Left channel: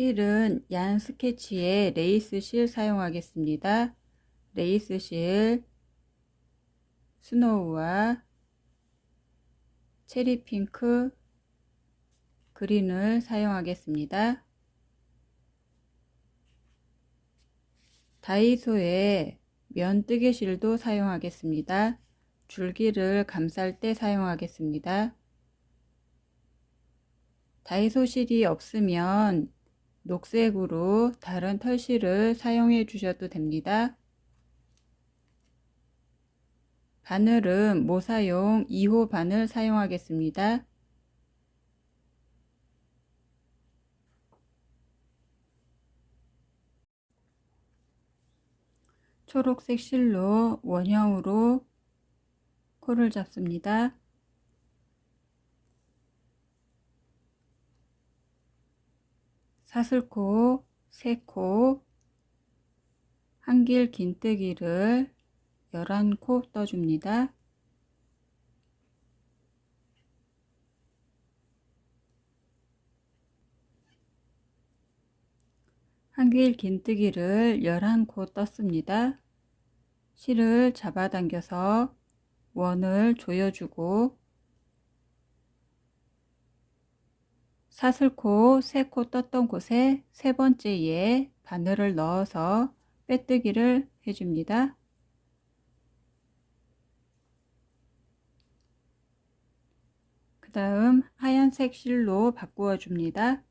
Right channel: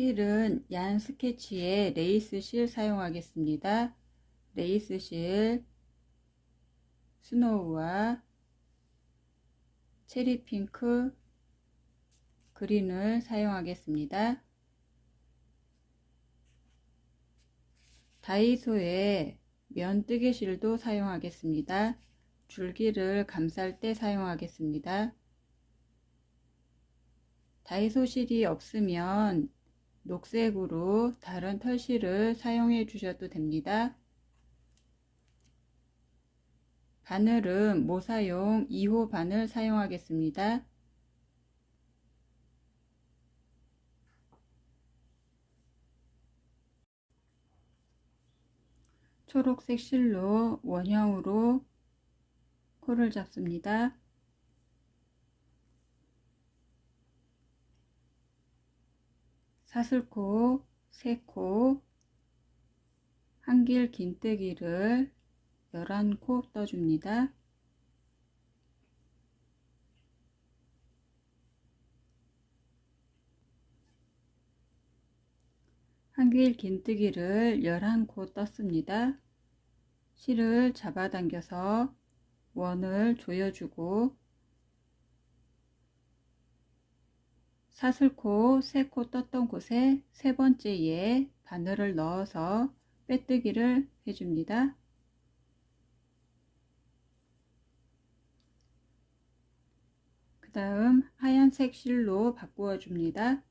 실은 얀 스케치의 레이스 실 사용하겠습니다. 레이스 실 스노우와 체리 핑크, 그린을 사용하겠습니다. 다이소의 면뜨개 실도 사용하겠습니다. 줄기를 감쌀 때 사용하겠습니다. 다이소 실이 없으면 녹색으로 다른 털실을 사용해 주셔도 됩니다. 바늘은 모사용 2호 바늘 사용하겠습니다. 초록색 실로 원형으로 코를 잡습니다. 사슬코 3코, 한길 긴뜨기를 11코 떠줍니다. 한길 긴뜨기를 11코 떴습니다. 실을 잡아당겨서 원을 조여주고 사슬코 3코 떴던 곳에 세 번째에 바늘을 넣어서 빼뜨기를 해줍니다. 그 다음 하얀색 실로 바꾸어 줍니다.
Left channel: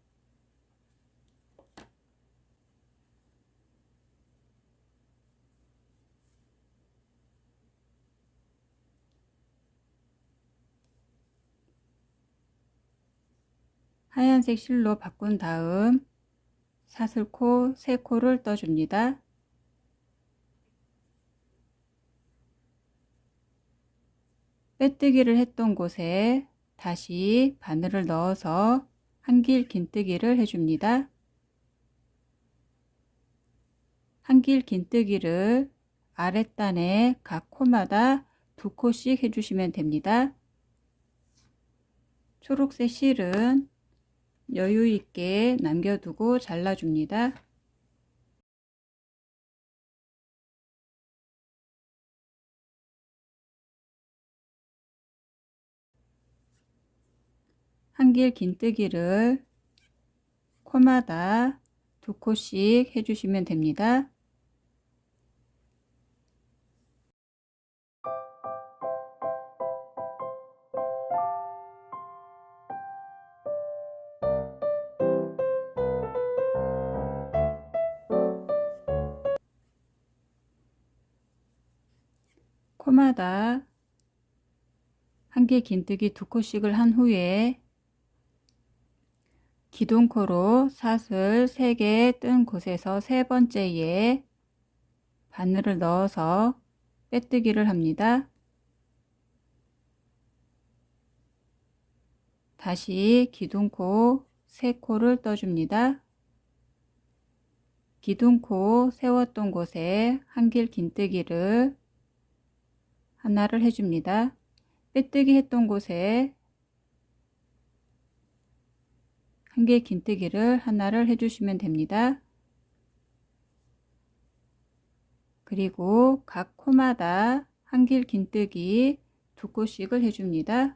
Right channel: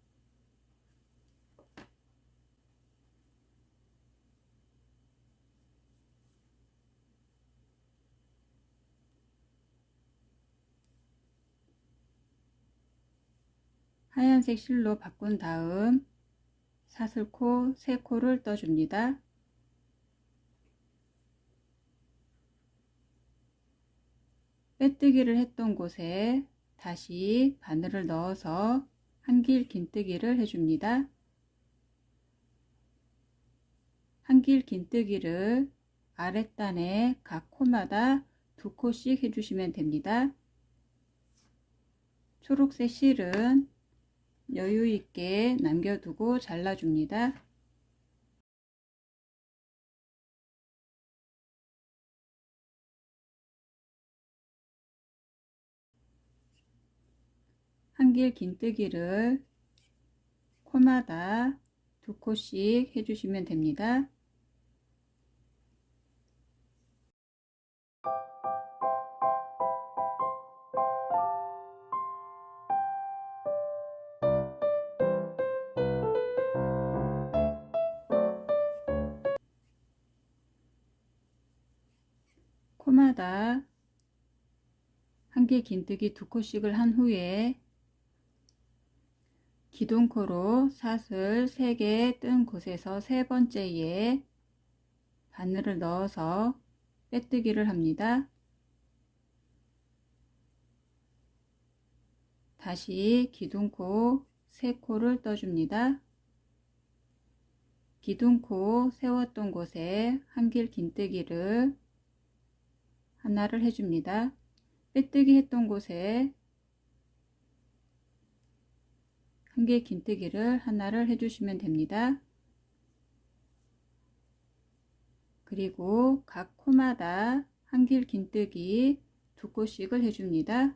하얀색 실로 바꾼 다음 사슬코 3코를 떠줍니다. 빼뜨기를 했던 곳에 다시 바늘을 넣어서 한길 긴뜨기를 해줍니다. 한길 긴뜨기를 아랫단에 각 코마다 2코씩 해주시면 됩니다. 초록색 실은 여유 있게 남겨두고 잘라줍니다. 한길 긴뜨기를 코마다 2코씩 해주시면 됩니다. 코마다 한길 긴뜨기 2코씩을 한 후에 기둥코로 사슬 3개 뜬 곳에서 세 번째에 바늘을 넣어서 빼뜨기를 합니다. 다시 기둥코 3코를 떠줍니다. 기둥코 세웠던 곳에 한길 긴뜨기를 하나를 해줍니다. 빼뜨기 했던 곳에 한길 긴뜨기를 하나를 해주시면 됩니다. 그리고 각 코마다 한길 긴뜨기 2코씩을 해줍니다.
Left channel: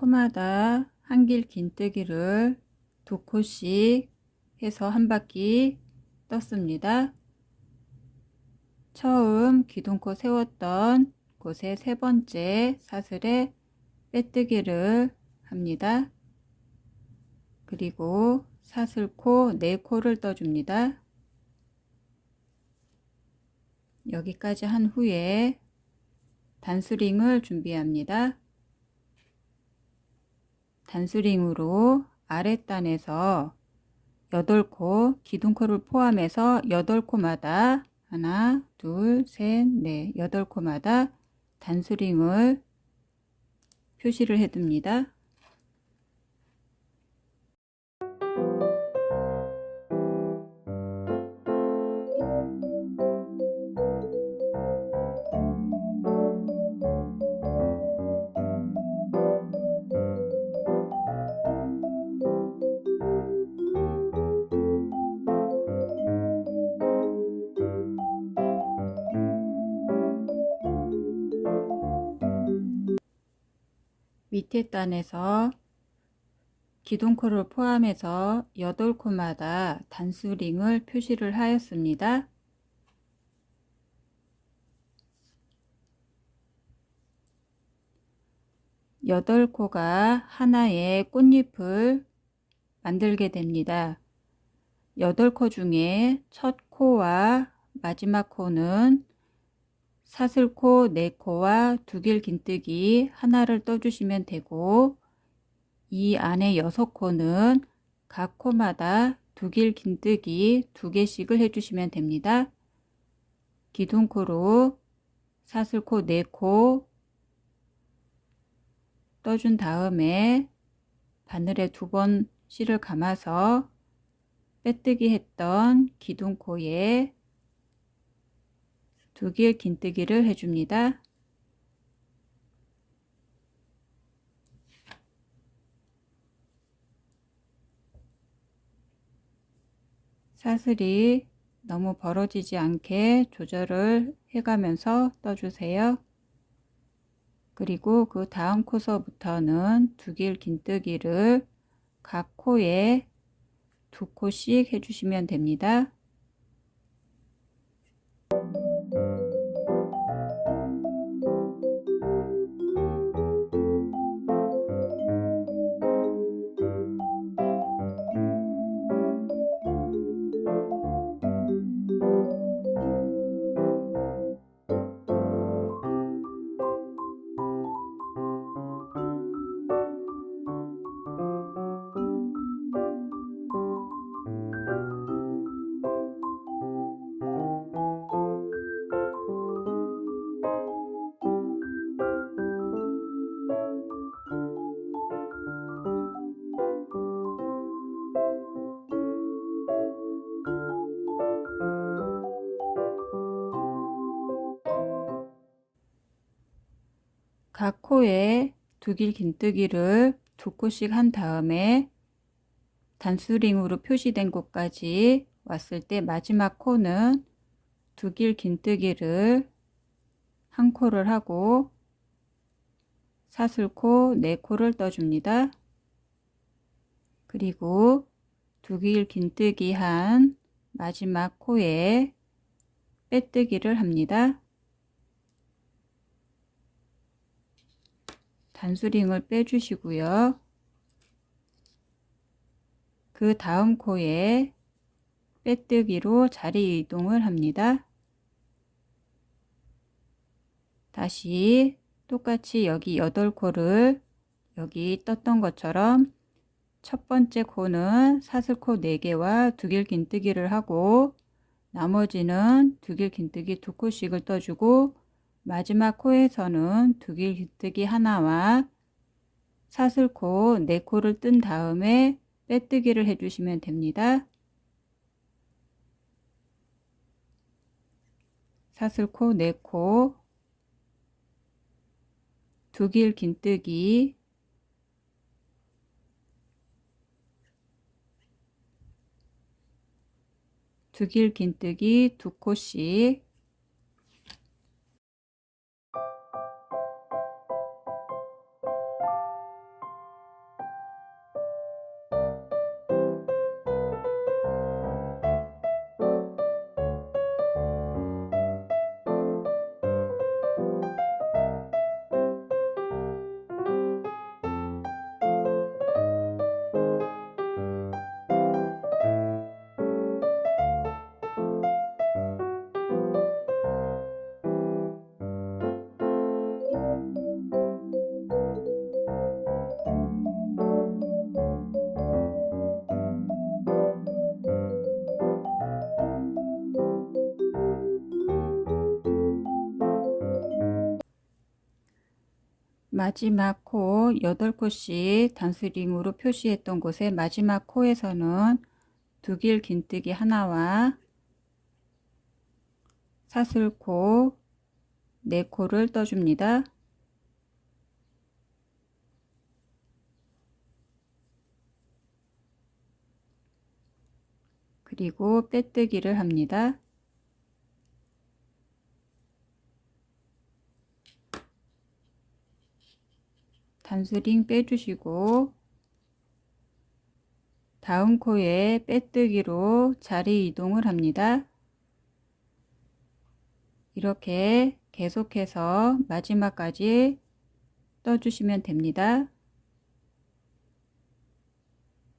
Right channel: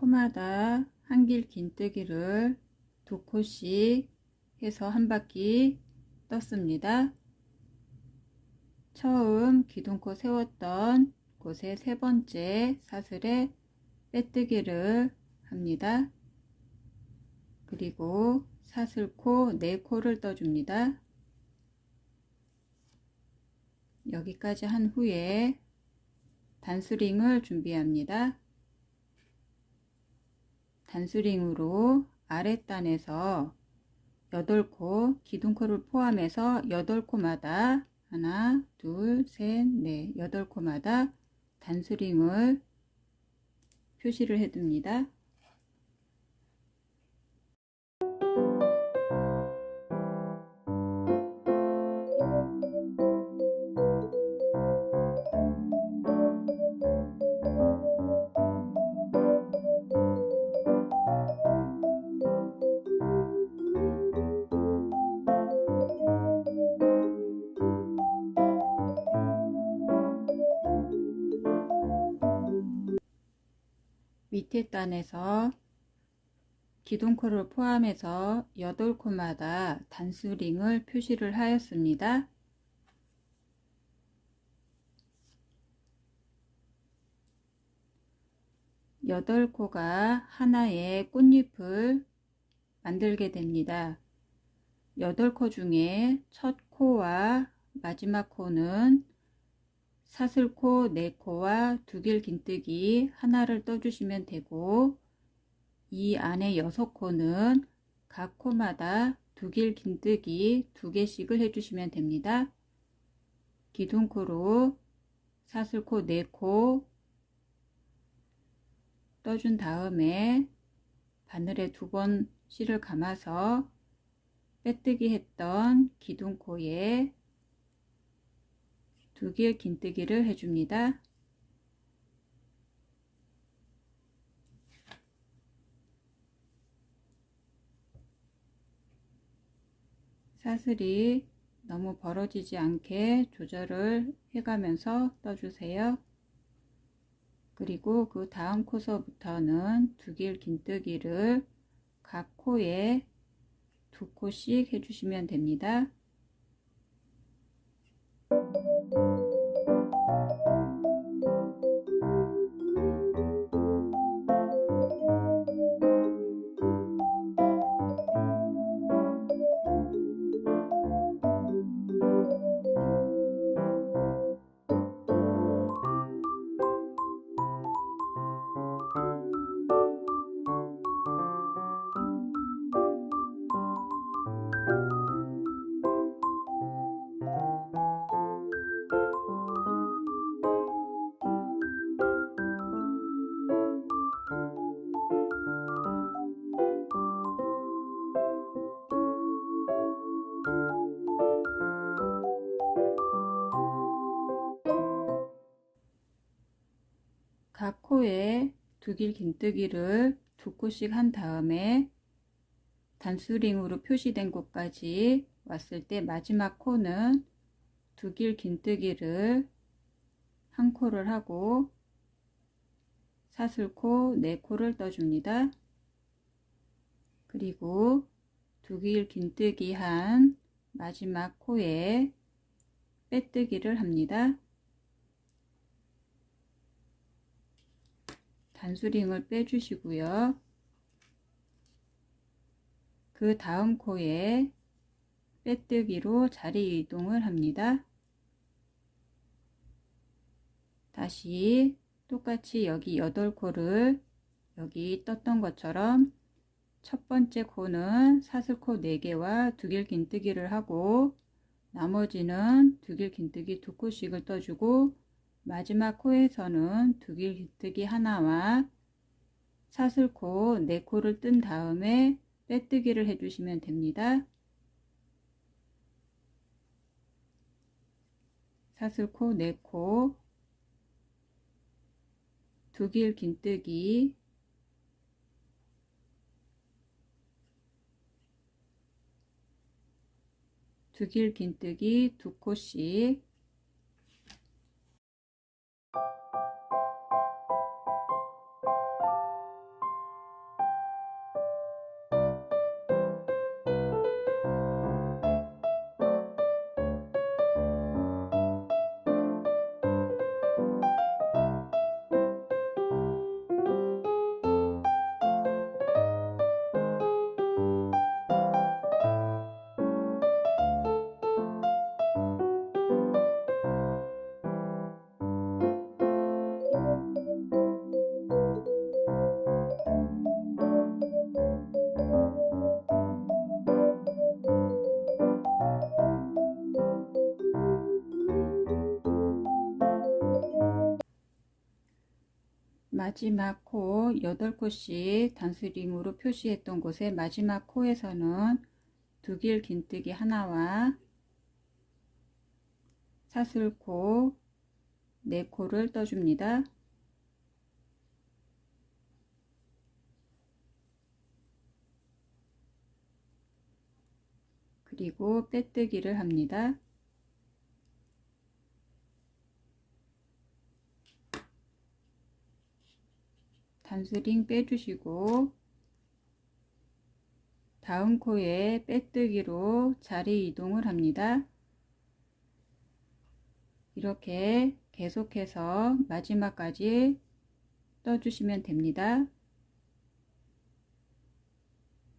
코마다 한길 긴뜨기를 2코씩 해서 한 바퀴 떴습니다. 처음 기둥코 세웠던 곳에 세 번째 사슬에 빼뜨기를 합니다. 그리고 사슬코 4코를 떠줍니다. 여기까지 한 후에 단수링을 준비합니다. 단수링으로 아랫단에서 8코, 기둥코를 포함해서 8코마다 하나, 둘, 셋, 넷, 8코마다 단수링을 표시를 해둡니다. 밑에 단에서 기둥코를 포함해서 8코마다 단수링을 표시를 하였습니다. 여덟 코가 하나의 꽃잎을 만들게 됩니다. 8코 중에 첫 코와 마지막 코는 사슬코 4코와 두길 긴뜨기 하나를 떠주시면 되고, 이 안에 6코는 각 코마다 두길 긴뜨기 2개씩을 해주시면 됩니다. 기둥코로 사슬코 4코 떠준 다음에 바늘에 2번 실을 감아서 빼뜨기 했던 기둥코에 두길 긴뜨기를 해줍니다. 사슬이 너무 벌어지지 않게 조절을 해가면서 떠주세요. 그리고 그 다음 코서부터는 두길 긴뜨기를 각 코에 2코씩 해주시면 됩니다. 각 코에 두길 긴뜨기를 2코씩 한 다음에 단수링으로 표시된 곳까지 왔을 때 마지막 코는 두길 긴뜨기를 한 코를 하고 사슬코 4코를 떠줍니다. 그리고 두길 긴뜨기 한 마지막 코에 빼뜨기를 합니다. 단수링을 빼주시고요. 그 다음 코에 빼뜨기로 자리 이동을 합니다. 다시 똑같이 여기 8코를 여기 떴던 것처럼 첫 번째 코는 사슬코 4개와 두길 긴뜨기를 하고, 나머지는 두길 긴뜨기 2코씩을 떠주고, 마지막 코에서는 두길 긴뜨기 하나와 사슬코 4코를 뜬 다음에 빼뜨기를 해주시면 됩니다. 사슬코 4코, 두길 긴뜨기, 두길 긴뜨기 2코씩, 마지막 코 8코씩 단수링으로 표시했던 곳에 마지막 코에서는 두길 긴뜨기 하나와 사슬코 4코를 떠줍니다. 그리고 빼뜨기를 합니다. 단스링 빼주시고 다음 코에 빼뜨기로 자리 이동을 합니다. 이렇게 계속해서 마지막까지 떠주시면 됩니다.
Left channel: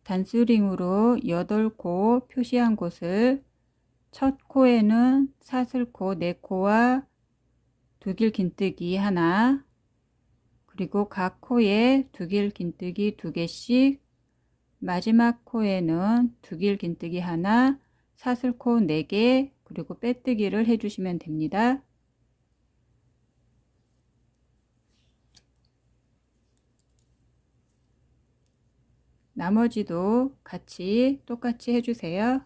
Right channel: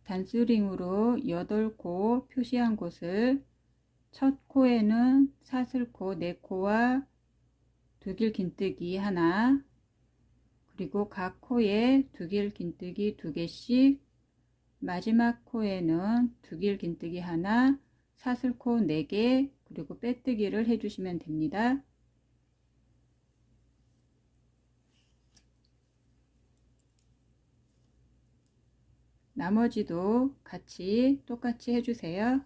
단스링으로 8코 표시한 곳을 첫 코에는 사슬코 4코와 두길 긴뜨기 하나, 그리고 각 코에 두길 긴뜨기 2개씩, 마지막 코에는 두길 긴뜨기 하나, 사슬코 4개, 그리고 빼뜨기를 해주시면 됩니다. 나머지도 같이 똑같이 해주세요.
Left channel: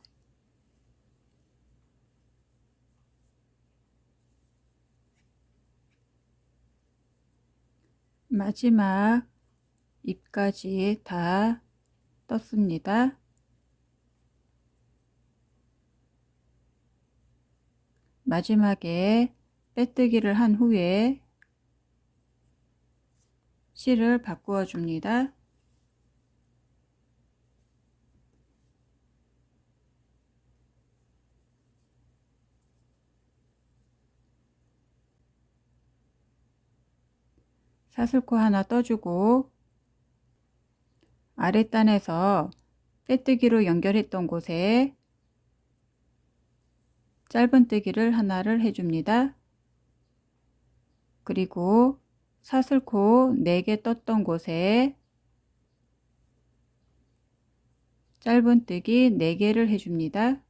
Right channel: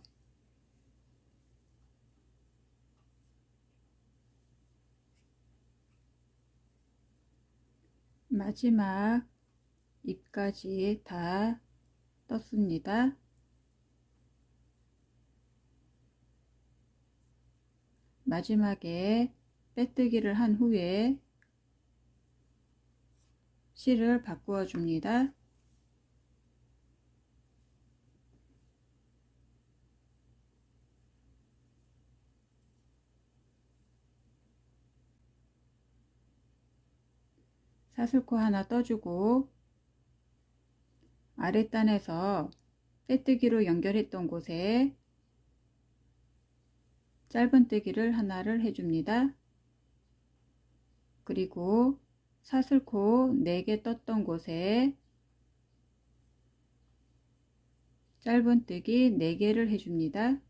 마지막 잎까지 다 떴습니다. 마지막에 빼뜨기를 한 후에 실을 바꾸어 줍니다. 사슬코 하나 떠주고 아랫단에서 빼뜨기로 연결했던 곳에 짧은뜨기를 하나를 해줍니다. 그리고 사슬코 4개 떴던 곳에 짧은뜨기 4개를 해줍니다.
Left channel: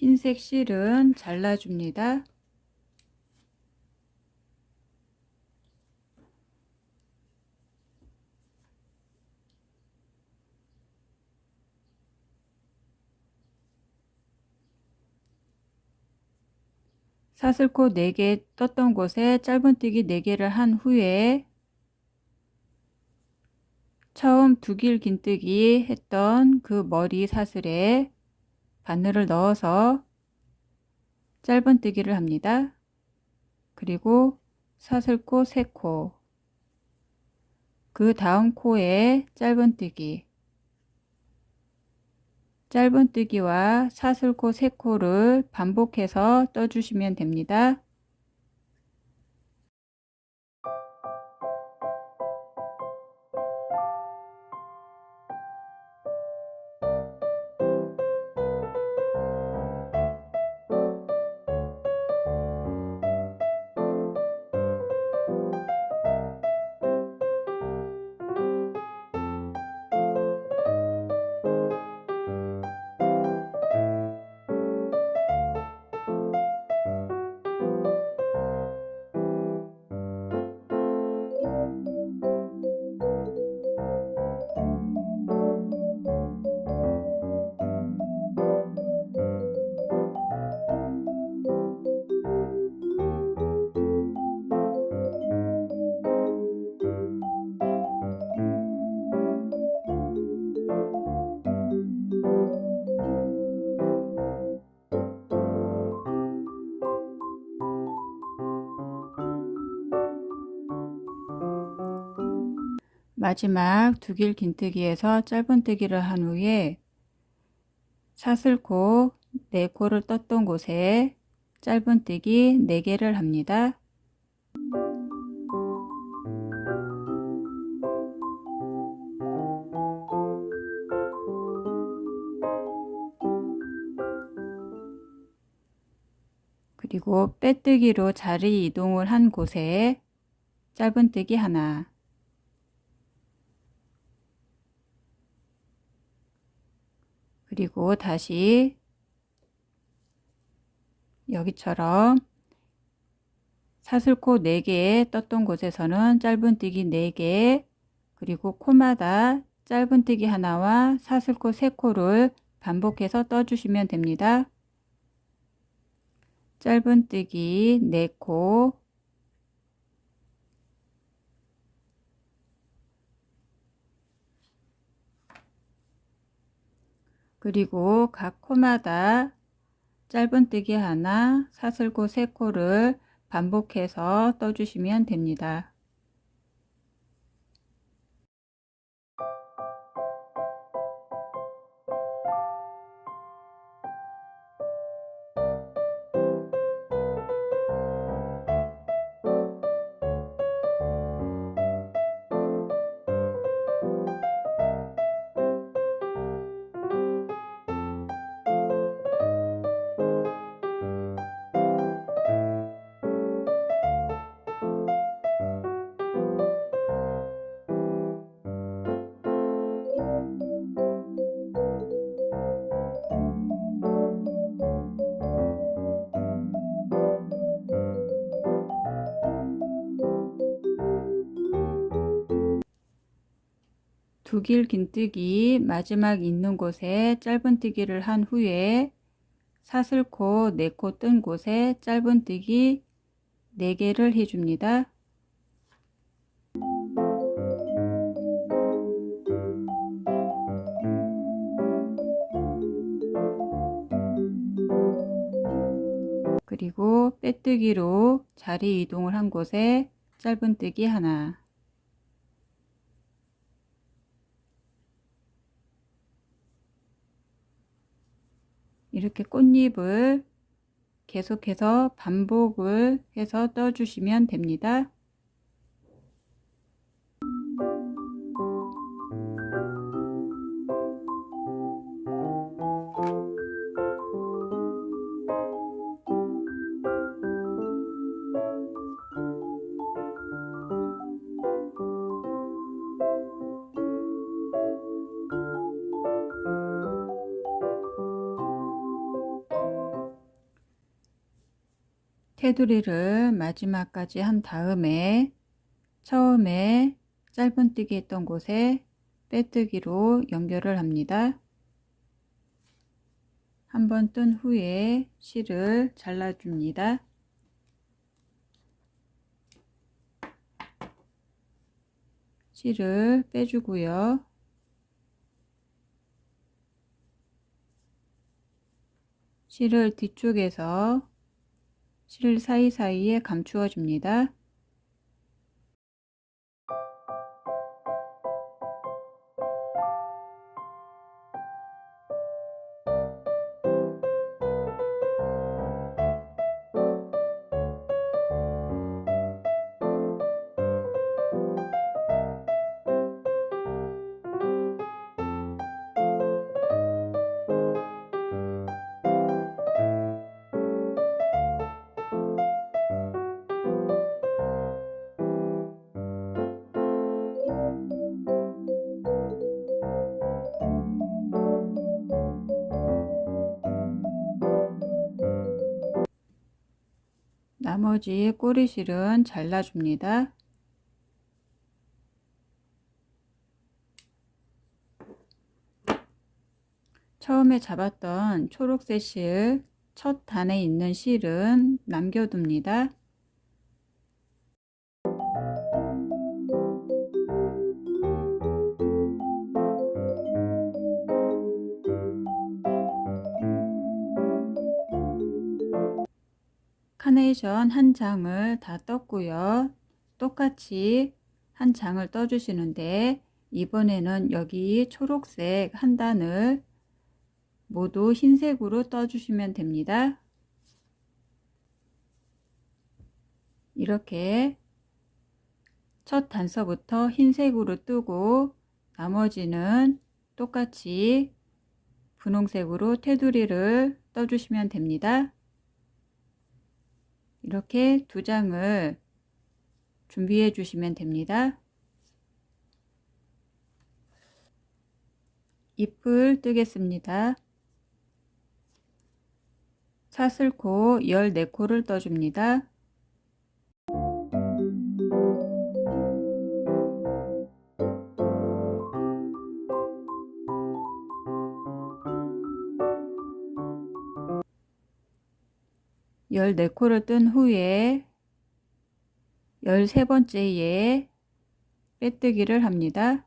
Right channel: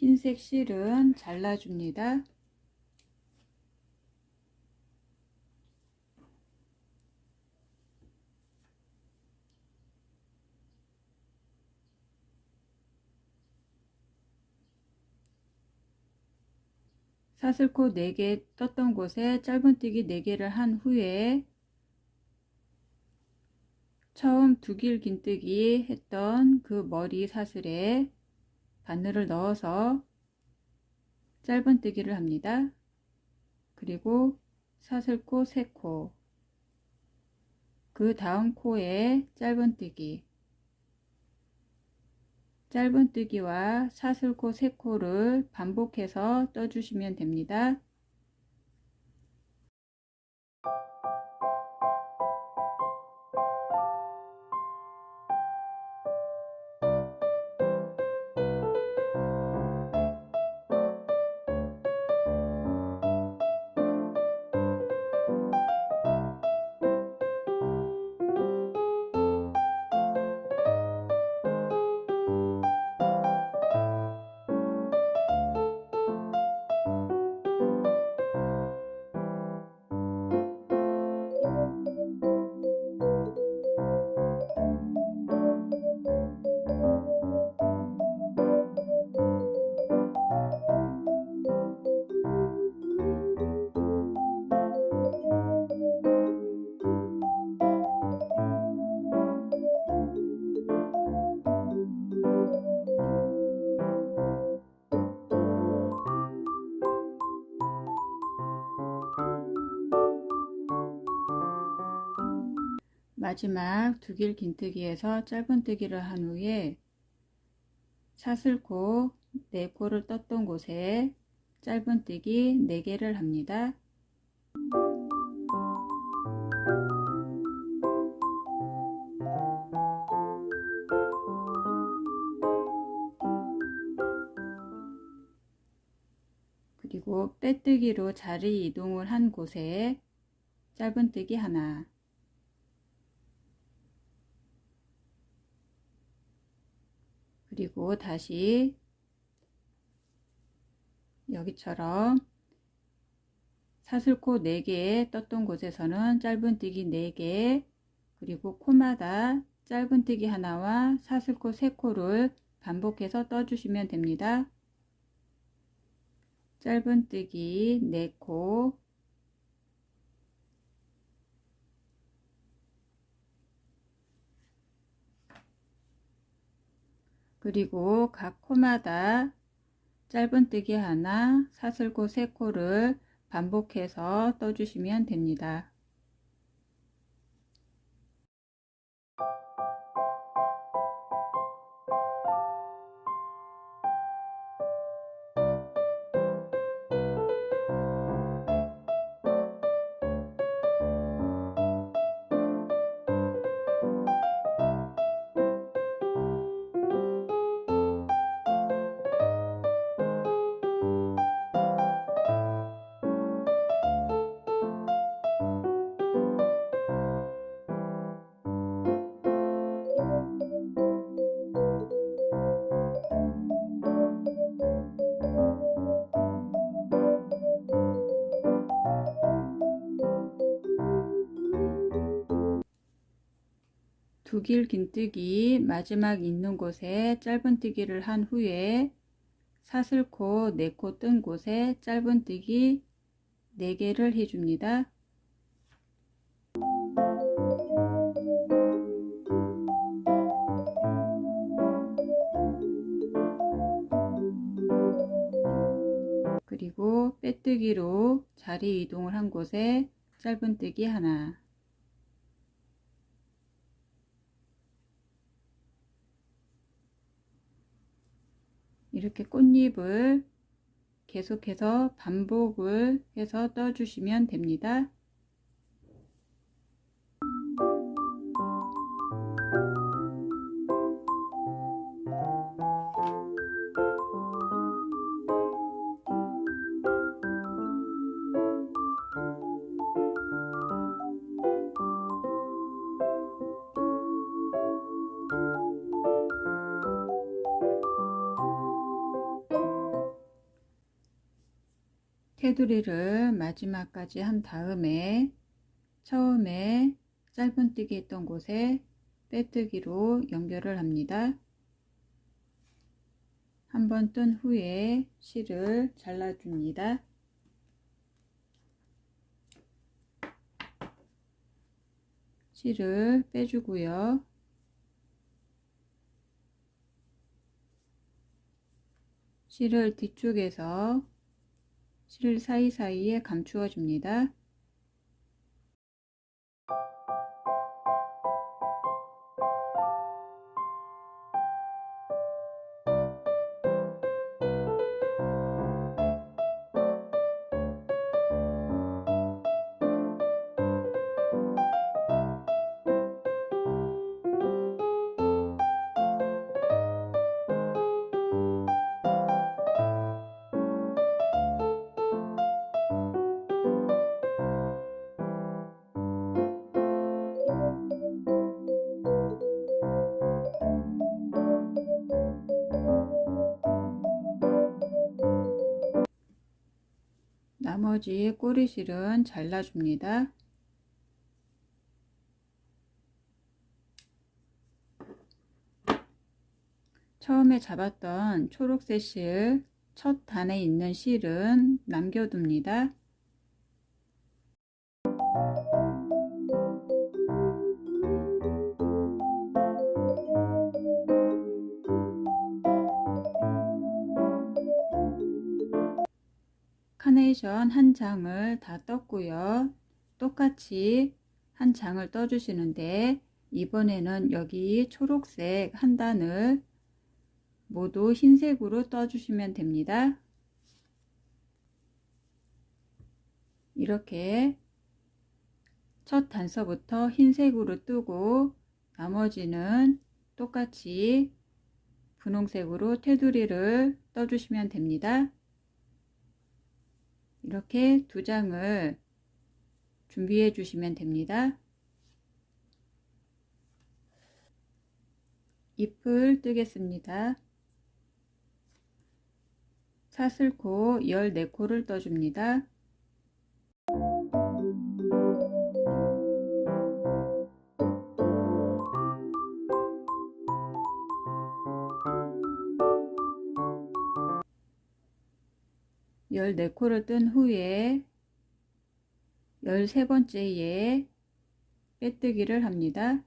흰색 실은 잘라줍니다. 사슬코 4개 떴던 곳에 짧은뜨기 4개를 한 후에 처음 두길 긴뜨기 했던 그 머리 사슬에 바늘을 넣어서 짧은뜨기를 합니다. 그리고 사슬코 3코, 그 다음 코에 짧은뜨기와 사슬코 3코를 반복해서 떠주시면 됩니다. 마지막 두길 긴뜨기에서 짧은뜨기를 한 후에 사슬코 4코를 떴던 곳에 짧은뜨기 4개를 합니다. 그리고 빼뜨기로 자리 이동을 한 곳에 짧은뜨기 하나, 그리고 다시 여기처럼 사슬코 4개 떴던 곳에서는 짧은뜨기 4개, 그리고 코마다 짧은뜨기 하나와 사슬코 3코를 반복해서 떠주시면 됩니다. 짧은뜨기 4코, 그리고 각 코마다 짧은뜨기 하나, 사슬코 3코를 반복해서 떠주시면 됩니다. 두 길 긴뜨기 마지막 있는 곳에 짧은뜨기를 한 후에 사슬코 4코 뜬 곳에 짧은뜨기 4개를 해줍니다. 그리고 빼뜨기로 자리 이동을 한 곳에 짧은뜨기 하나, 이렇게 꽃잎을 계속해서 반복을 해서 떠주시면 됩니다. 테두리를 마지막까지 한 다음에 처음에 짧은뜨기 했던 곳에 빼뜨기로 연결을 합니다. 한번 뜬 후에 실을 잘라줍니다. 실을 빼주고요. 실을 뒤쪽에서 실 사이사이에 감추어 줍니다. 나머지 꼬리실은 잘라줍니다. 처음에 잡았던 초록색 실, 첫 단에 있는 실은 남겨둡니다. 카네이션 한 장을 다 떴고요. 똑같이 한 장을 떠주시는데 이번에는 여기 초록색 한 단을 모두 흰색으로 떠주시면 됩니다. 이렇게 첫 단서부터 흰색으로 뜨고 나머지는 똑같이 분홍색으로 테두리를 떠주시면 됩니다. 이렇게 두 장을 준비해 주시면 됩니다. 잎을 뜨겠습니다. 사슬코 14코를 떠줍니다. 열네 코를 뜬 후에 13번째에 빼뜨기를 합니다.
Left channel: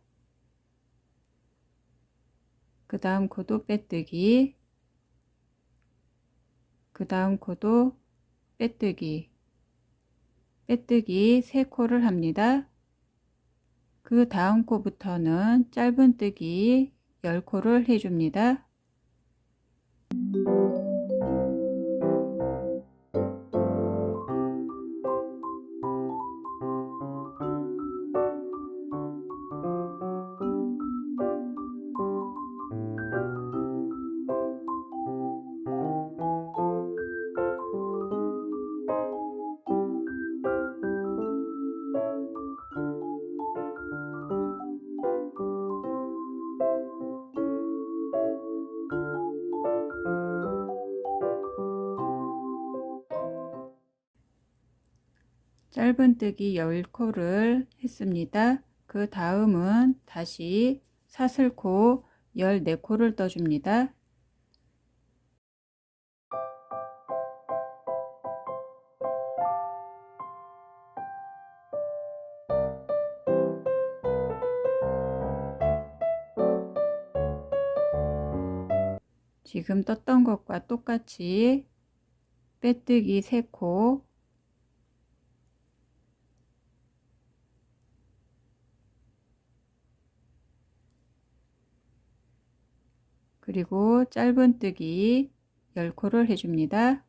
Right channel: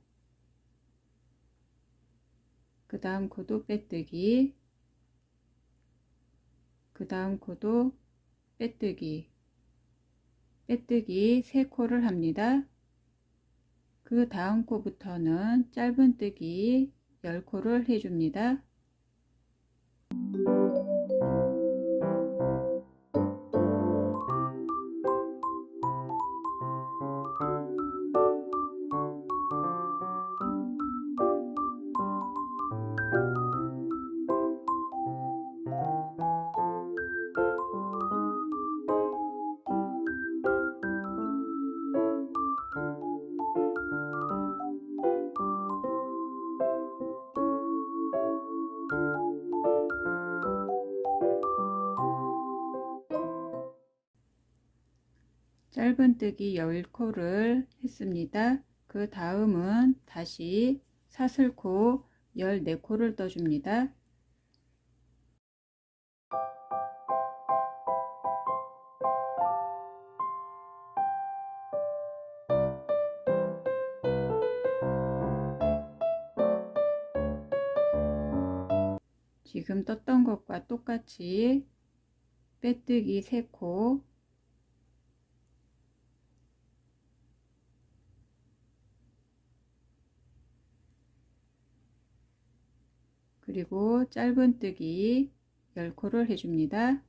그 다음 코도 빼뜨기, 그 다음 코도 빼뜨기, 빼뜨기 3코를 합니다. 그 다음 코부터는 짧은뜨기 10코를 해줍니다. 짧은뜨기 10코를 했습니다. 그 다음은 다시 사슬코 14코를 떠줍니다. 지금 떴던 것과 똑같이 빼뜨기 3코, 그리고 짧은뜨기 10코를 해줍니다.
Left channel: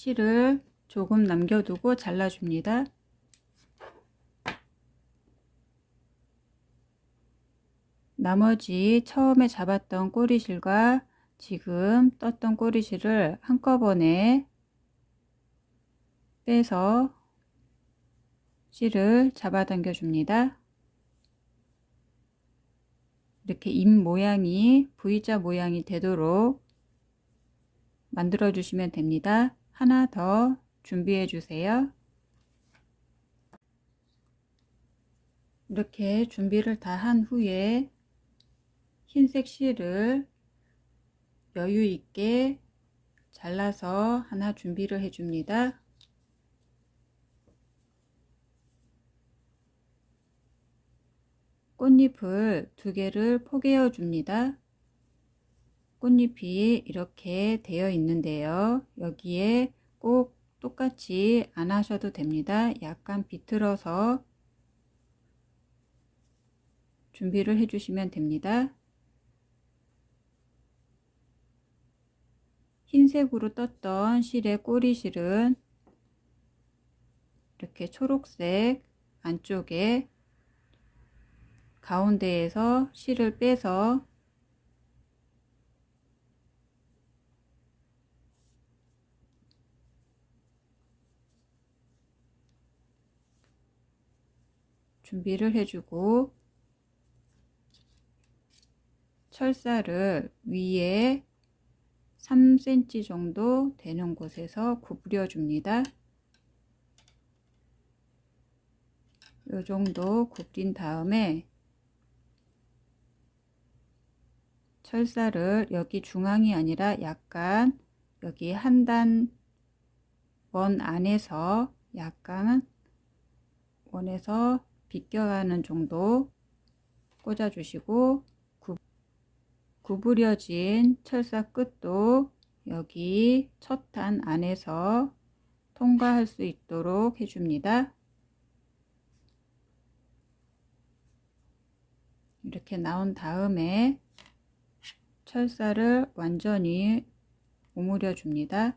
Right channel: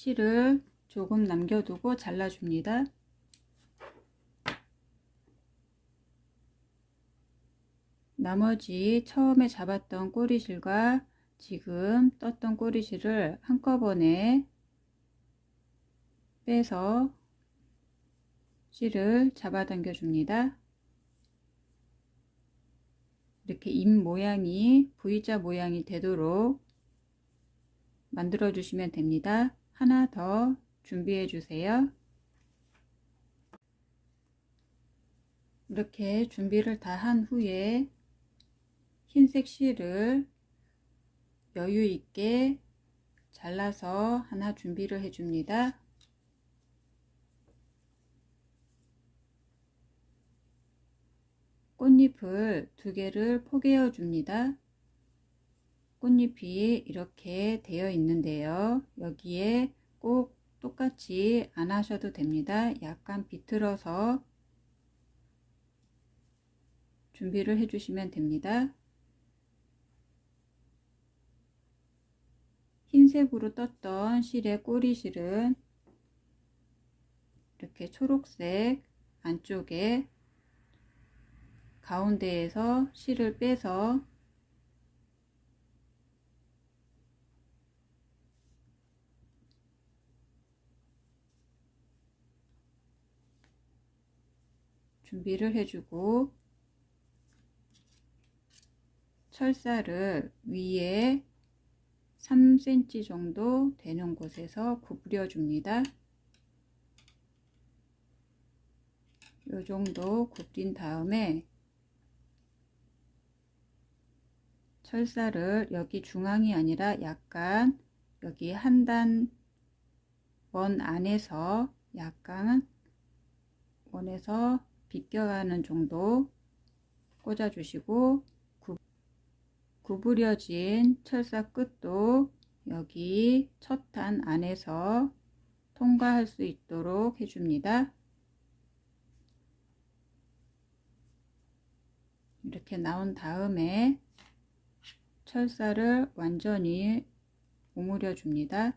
실을 조금 남겨두고 잘라줍니다. 나머지 처음에 잡았던 꼬리실과 지금 떴던 꼬리실을 한꺼번에 빼서 실을 잡아당겨 줍니다. 이렇게 입 모양이 V자 모양이 되도록 만들어 주시면 됩니다. 하나 더 준비해 주세요. 이렇게 준비를 다 한 후에 흰색 실을 여유 있게 잘라서 하나 준비를 해 줍니다. 꽃잎을 2개를 포개어 줍니다. 꽃잎이 이렇게 되어 있는데요. 여기에 꼭 똑같이 안 하셔도 됩니다. 약간 비틀어서 준비를 해 주시면 됩니다. 흰색으로 떴던 실의 꼬리실은 이렇게 초록색 안쪽에 가운데에서 실을 빼서 준비를 해주고 철사를 위에 3cm 정도 되는 곳에서 구부려 줍니다. 이 정도 굽린 다음에 철사를 여기 중앙이 아니라 약간 여기 한 단 원 안에서 약간 원에서 비껴가는 정도 꽂아 주시고 구부려진 철사 끝도 여기 첫 단 안에서 통과할 수 있도록 해줍니다. 이렇게 나온 다음에 철사를 완전히 오므려 줍니다.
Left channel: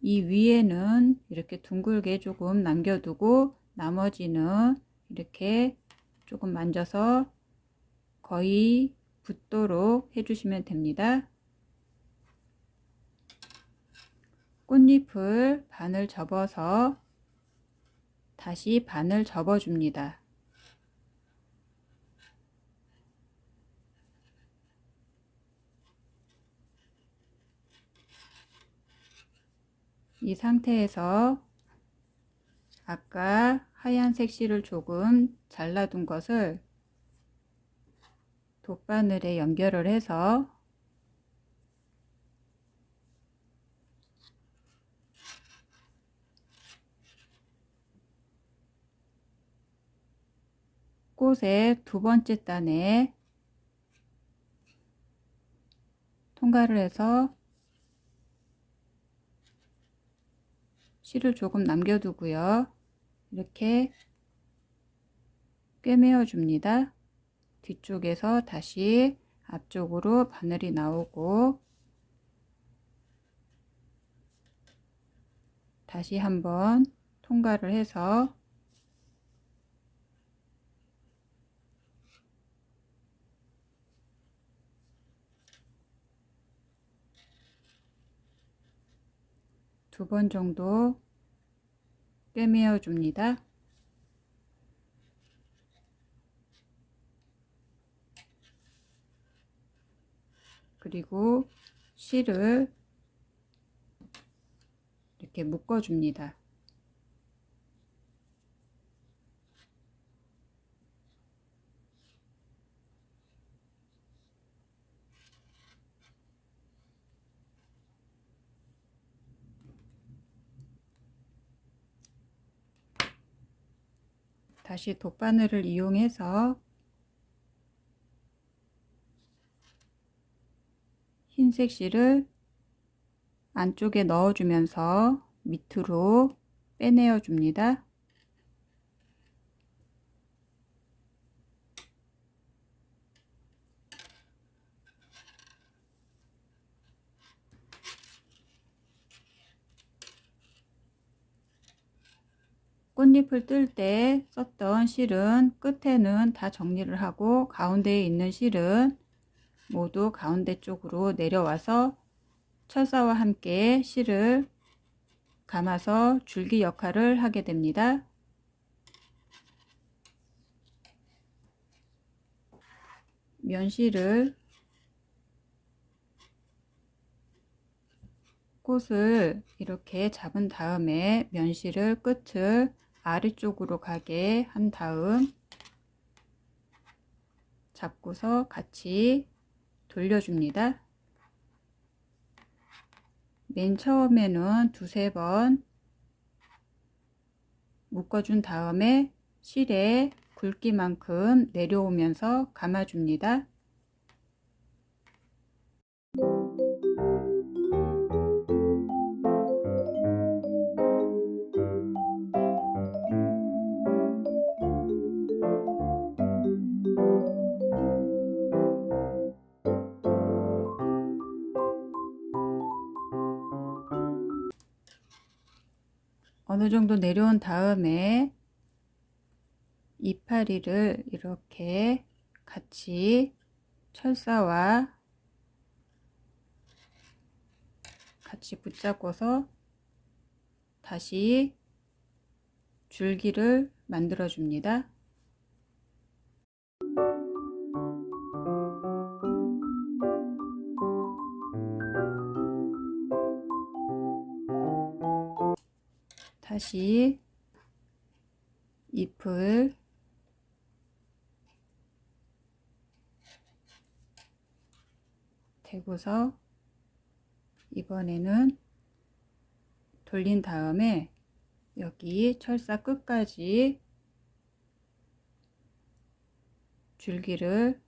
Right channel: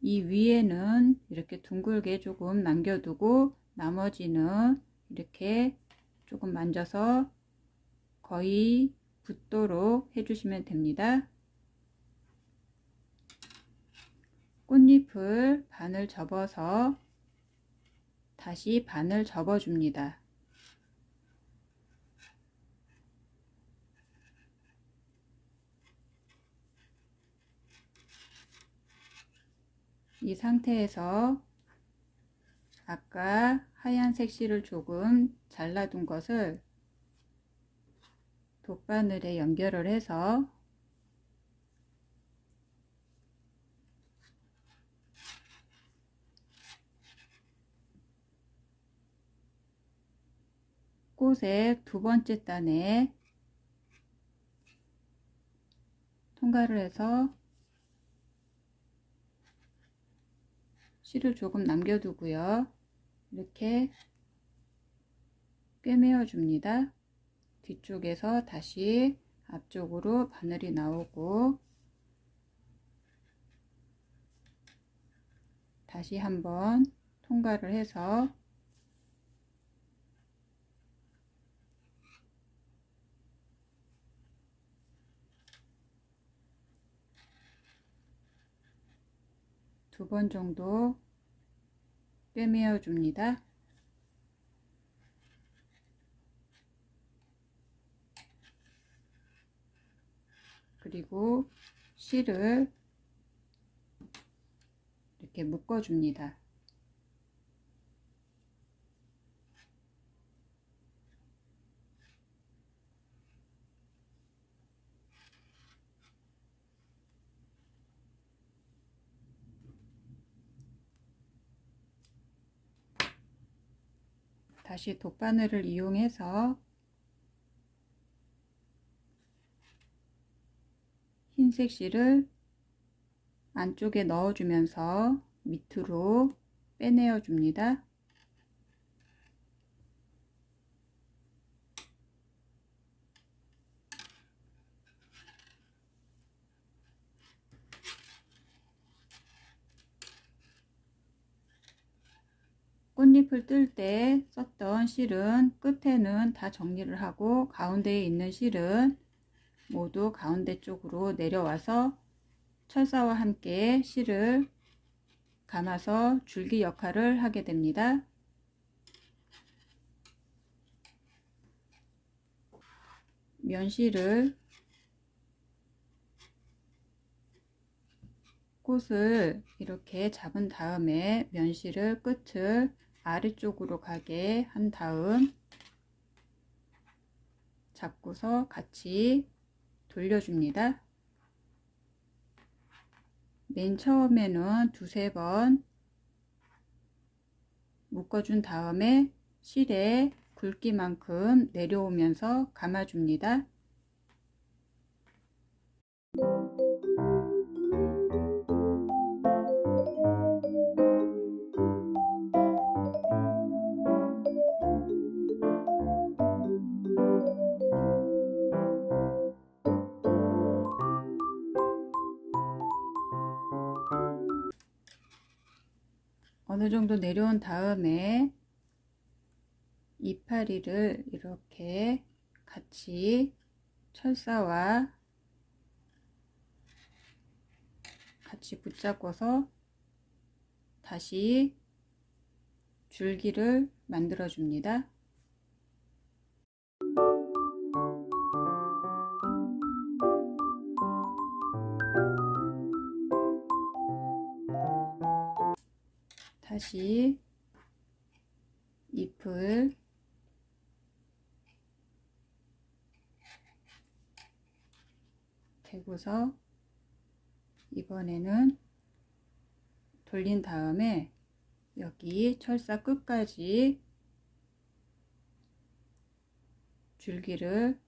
이 위에는 이렇게 둥글게 조금 남겨두고 나머지는 이렇게 조금 만져서 거의 붙도록 해주시면 됩니다. 꽃잎을 반을 접어서 다시 반을 접어줍니다. 이 상태에서 아까 하얀색 실을 조금 잘라둔 것을 돗바늘에 연결을 해서 꽃의 두 번째 단에 통과를 해서 실을 조금 남겨두고요. 이렇게 꿰매어 줍니다. 뒤쪽에서 다시 앞쪽으로 바늘이 나오고 다시 한번 통과를 해서 두 번 정도 꿰매어 줍니다. 그리고 실을 이렇게 묶어 줍니다. 다시 돗바늘을 이용해서 흰색 실을 안쪽에 넣어주면서 밑으로 빼내어 줍니다. 꽃잎을 뜰 때 썼던 실은 끝에는 다 정리를 하고 가운데에 있는 실은 모두 가운데 쪽으로 내려와서 철사와 함께 실을 감아서 줄기 역할을 하게 됩니다. 면실을 꽃을 이렇게 잡은 다음에 면실을 끝을 아래쪽으로 가게 한 다음 잡고서 같이 돌려줍니다. 맨 처음에는 두세 번 묶어준 다음에 실에 굵기만큼 내려오면서 감아줍니다. 어느 정도 내려온 다음에 이파리를 이렇게 같이 철사와 같이 붙잡고서 다시 줄기를 만들어 줍니다. 다시 잎을 대고서 이번에는 돌린 다음에 여기 철사 끝까지 줄기를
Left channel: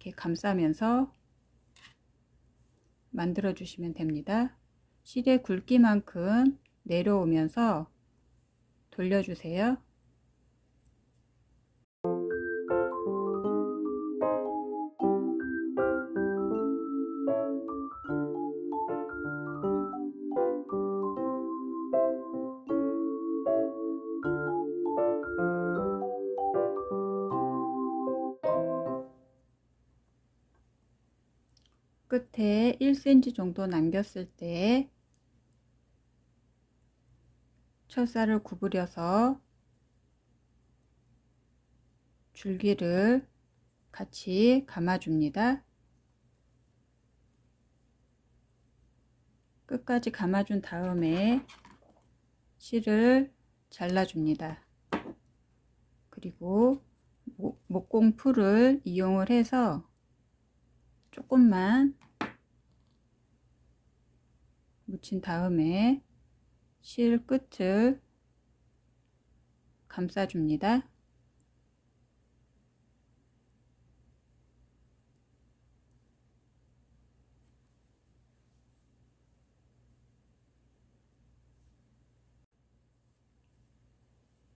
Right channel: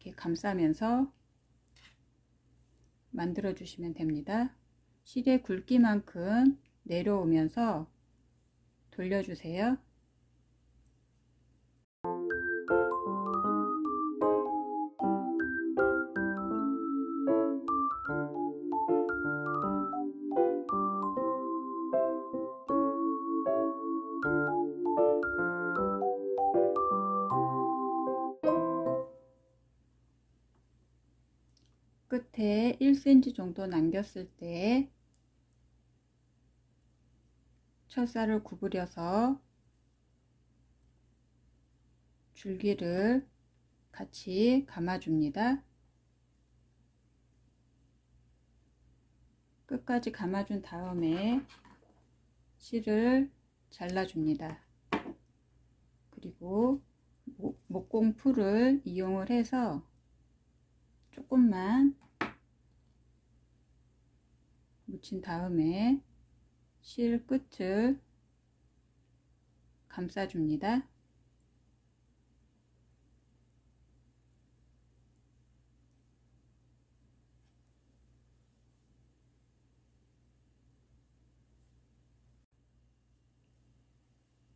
이렇게 감싸면서 만들어 주시면 됩니다. 실의 굵기만큼 내려오면서 돌려주세요. 끝에 1cm 정도 남겼을 때 철사를 구부려서 줄기를 같이 감아줍니다. 끝까지 감아준 다음에 실을 잘라줍니다. 그리고 목공풀을 이용을 해서 조금만 묻힌 다음에 실 끝을 감싸줍니다.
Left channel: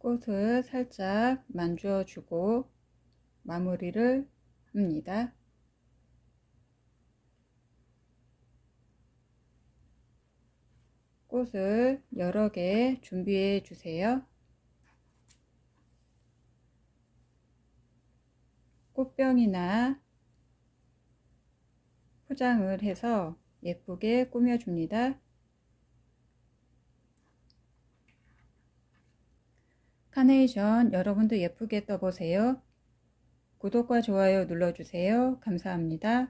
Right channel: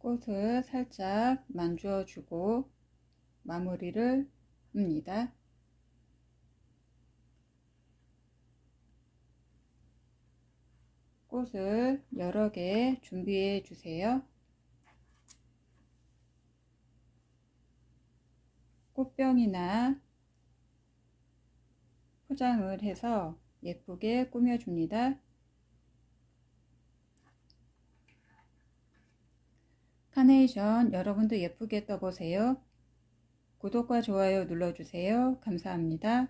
꽃을 살짝 만져 주고 마무리를 합니다. 꽃을 여러 개 준비해 주세요. 꽃병이나 포장을 해서 예쁘게 꾸며줍니다. 카네이션 여러분도 예쁘게 떠보세요. 구독과 좋아요 눌러주세요. 감사합니다.